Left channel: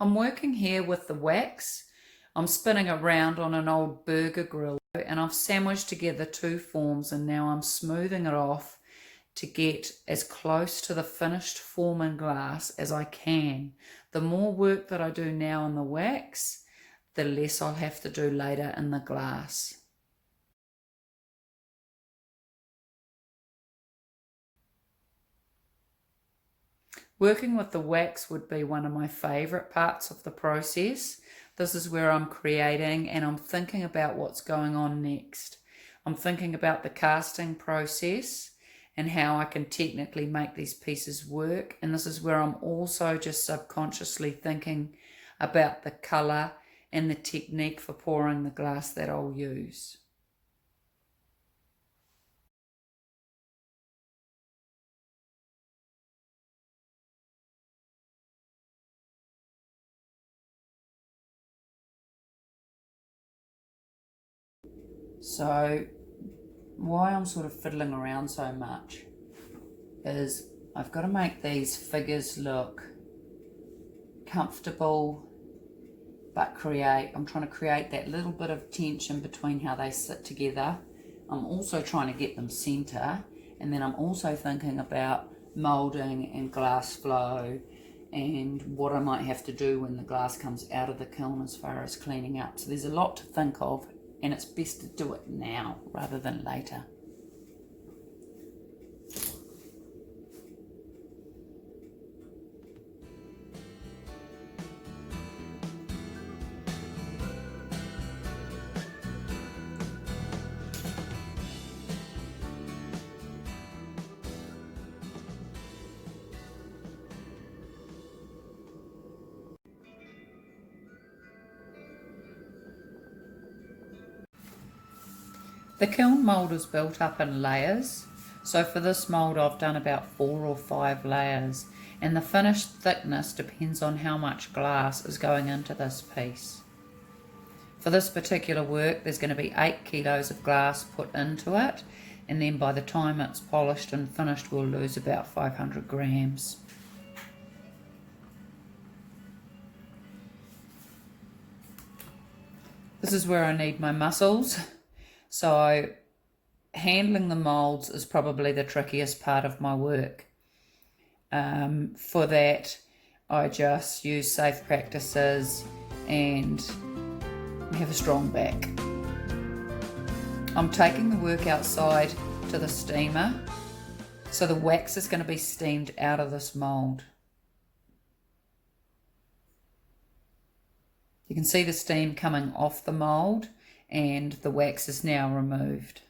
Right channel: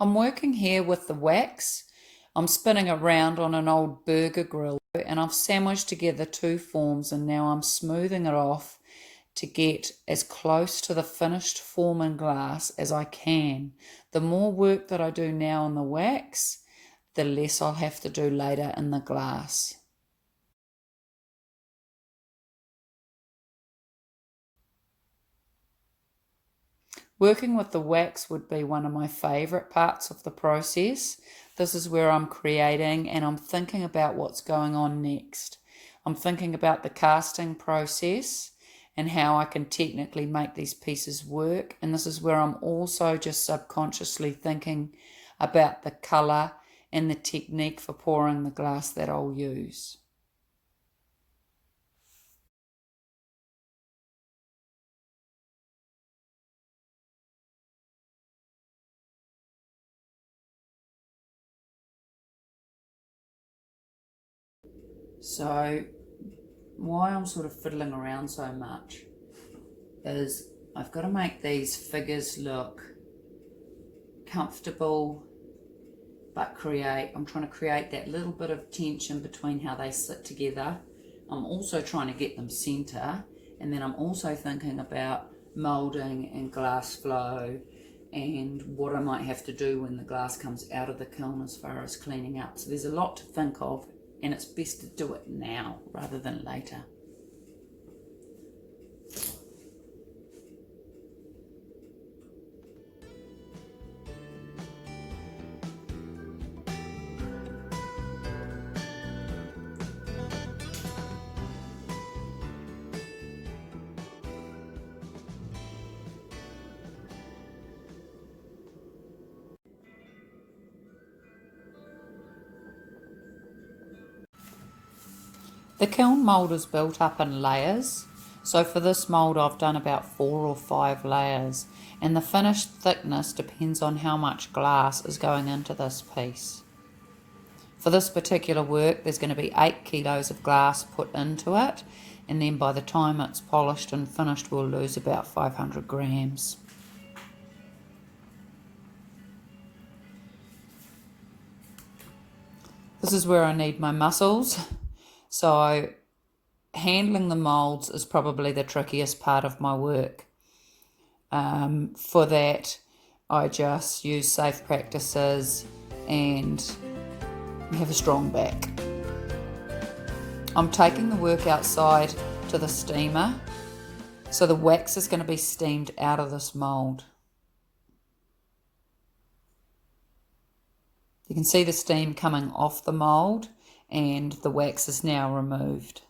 I'm working here with the wax. I'm spinning around on an old burger grill and I've sandwiched together two forms, and now I'm smoothing it off to get as close to the finished form in glass as I can. The more work that I do now in the wax, the less I'll have to do later in the glass. Working with the wax would be one of my favourite parts of the process. This is where I'm creating and I'm thinking about what's going on next. I'm thinking about the casting process and how I can technically make these pieces work. And this is where I'm also just subconsciously thinking about the colour and the technique for pouring the glass that I'll use. So why I'm sort of fiddling around so much is I've got to make these figures look comfortable, but I'm trying to create that little bit of tension between how they sit together. I'm also trying to get them center, and then I'm also thinking about moulding and glass flow and what I might have to do when the glass comes out of the kiln as far as cleaning up. So there's a lot to think of, and it's best to do it now rather than later. The kiln mould is built up in layers. So for this mould I've done about 4 or 5 layers, and the finished thickness depends on how much glass is going into this piece. For this particular work there's going to be 8 kilos of glass put into it, and then by the time it's polished and finished we'll lose about 500 grams. This is where I need my muscles. So handling the moulds is probably the trickiest part of my work. For that, I just use safe practices and have a strong back. I'm taking the work outside to the steamer, so the wax is going to be steamed out of this mould. You can see the steam coming off the mould, and the wax is now removed.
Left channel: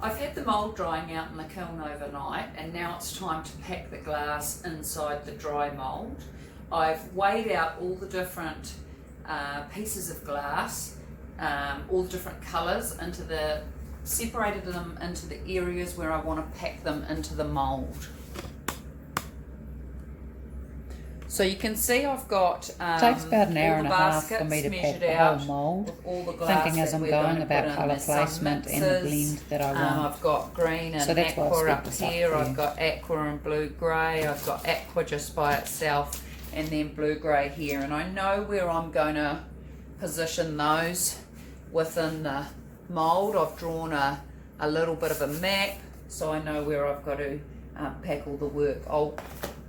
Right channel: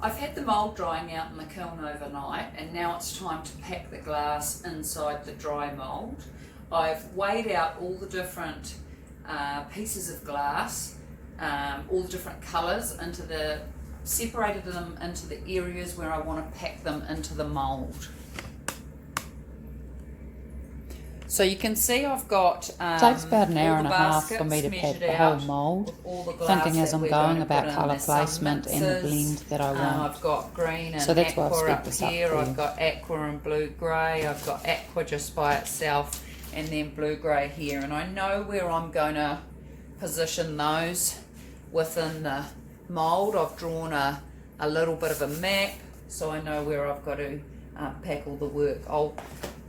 I've had the mould drying out in the kiln overnight, and now it's time to pack the glass inside the dry mould. I've weighed out all the different pieces of glass, all the different colours, separated them into the areas where I want to pack them into the mould. So you can see I've got takes about an hour and a half for me to pack the whole mould, thinking as I'm going about colour placement and the blend that I want. I've got green and aqua up here, I've got aqua and blue grey, I've got aqua just by itself, and then blue grey here, and I know where I'm going to position those within the mould. I've drawn a little bit of a map, so I know where I've got to pack all the work. I'll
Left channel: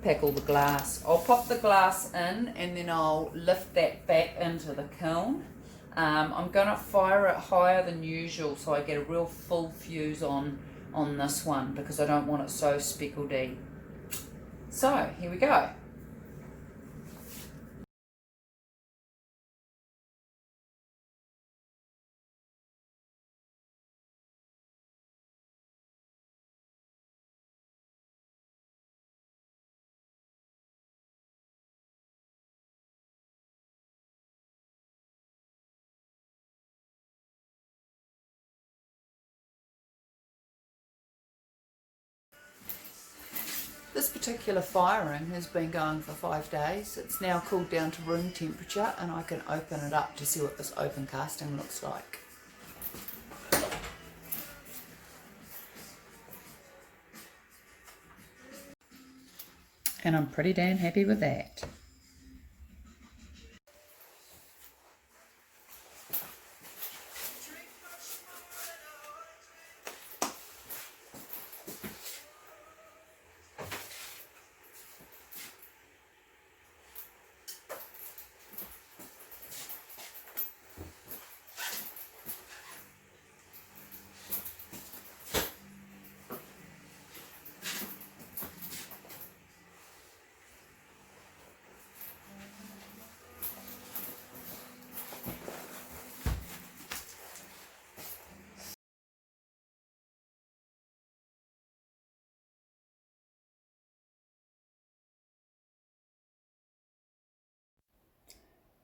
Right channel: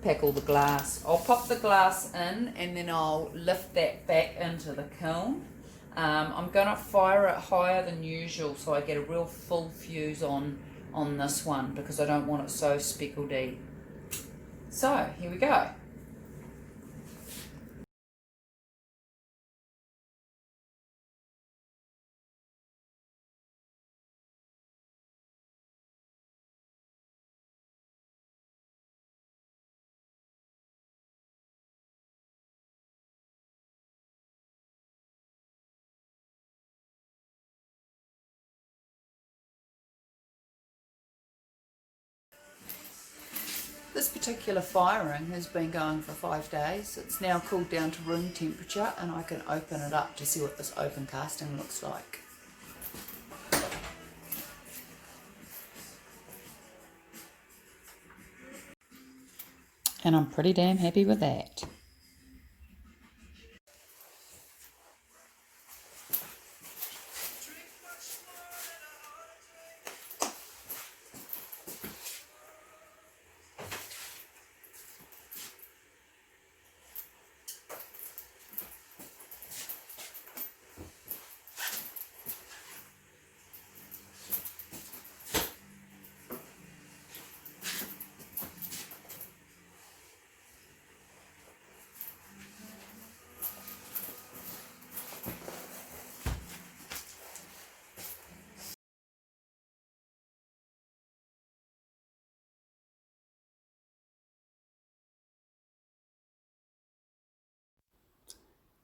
pack all the glass. I'll pop the glass in, and then I'll lift that back into the kiln. I'm going to fire it higher than usual so I get a real full fuse on this one, because I don't want it so speckledy. So here we go. This particular firing has been going for 5 days. It's now cooled down to room temperature and I can open it up to see what this open casting looks like. And I'm pretty damn happy with that.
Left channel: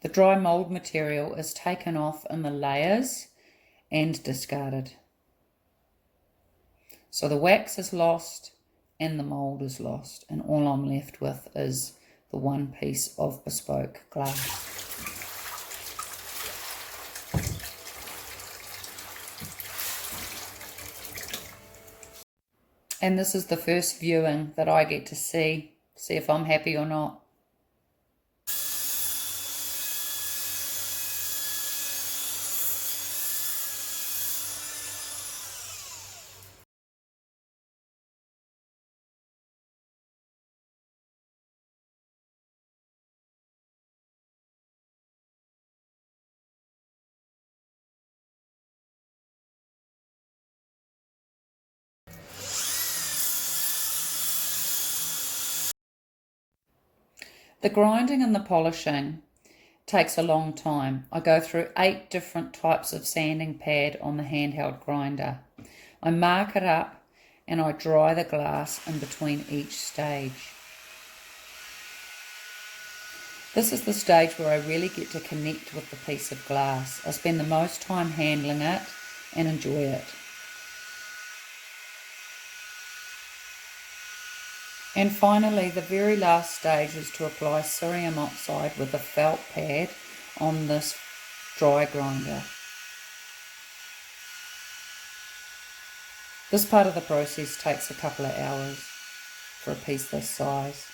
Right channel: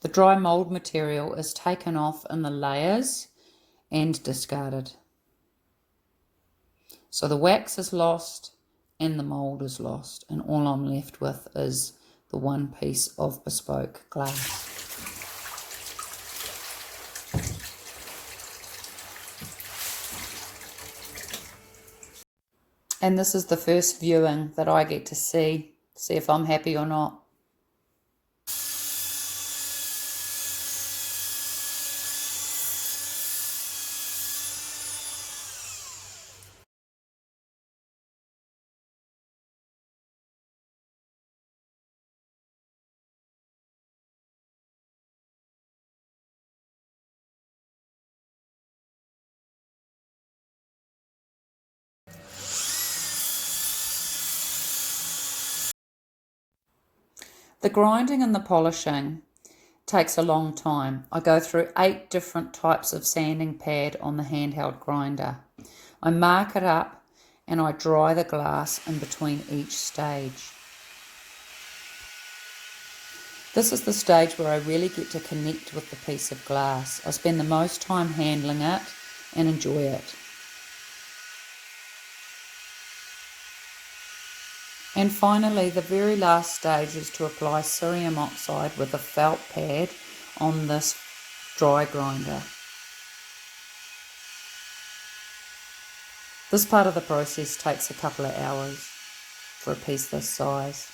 The dry mould material is taken off in the layers and discarded. So the wax is lost and the mould is lost, and all I'm left with is the one piece of bespoke glass. And this is the first viewing that I get to see if I'm happy or not. The grinding and the polishing takes a long time. I go through 8 different types of sanding pad on the handheld grinder. I mark it up and I dry the glass in between each stage. This is the stage where I really get to connect with the piece of glass. I spend the most time handling it and enjoy it. And finally, the very last stage is to apply cerium oxide with a felt pad on this dry grinder. This part of the process takes a couple of hours for a piece this size.